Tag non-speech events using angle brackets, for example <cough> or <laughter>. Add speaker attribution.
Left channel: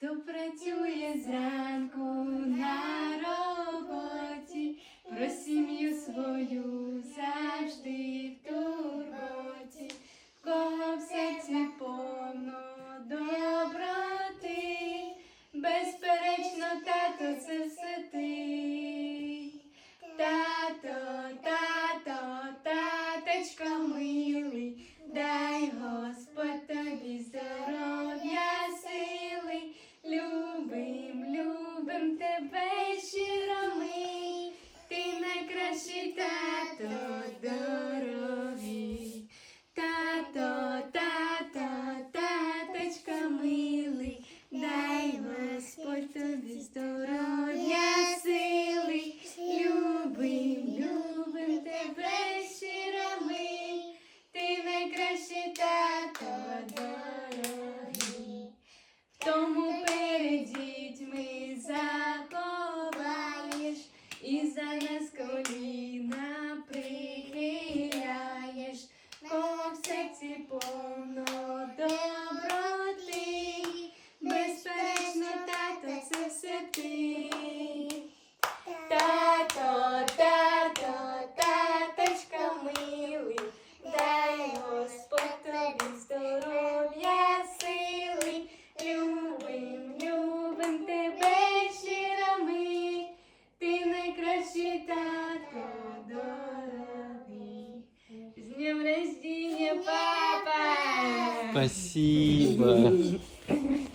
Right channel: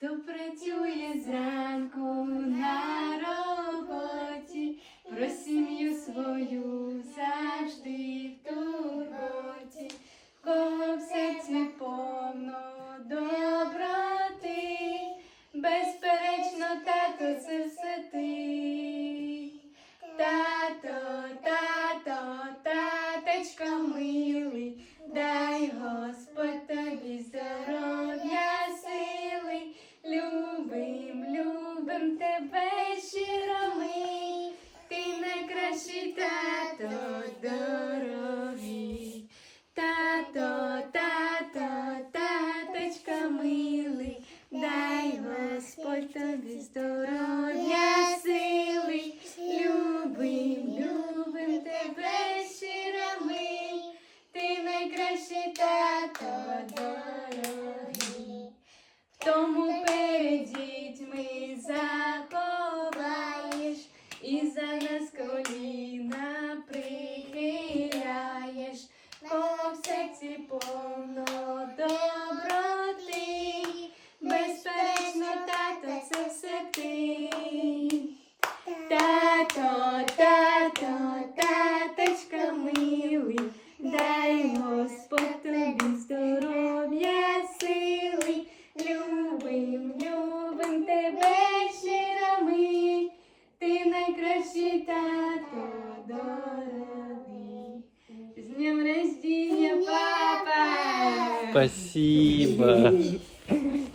Speaker 1: хто працює зранку на роботі, про сім'ю свою завжди в турботі, в кого в серці повно доброти, безперечно, тато, це тебе щиро ми, ти найкращий тато здоровий. Тато, тато, таточка милий, дай Господь тобі здоров'я, сили, любим, любим тебе щиро ми, ти найкращий тато дорогий. І за нас коліна прихиляєш, кого в серці повно доброти, безперечно, тато, це все ти. Тато, тато, таточка милий, дай Господь тобі здоров'я, сили, любим, любим тебе щиро ми, ти найкращий тато дорогий. З днем рождения, папа!
Speaker 2: Спасибо. <laughs>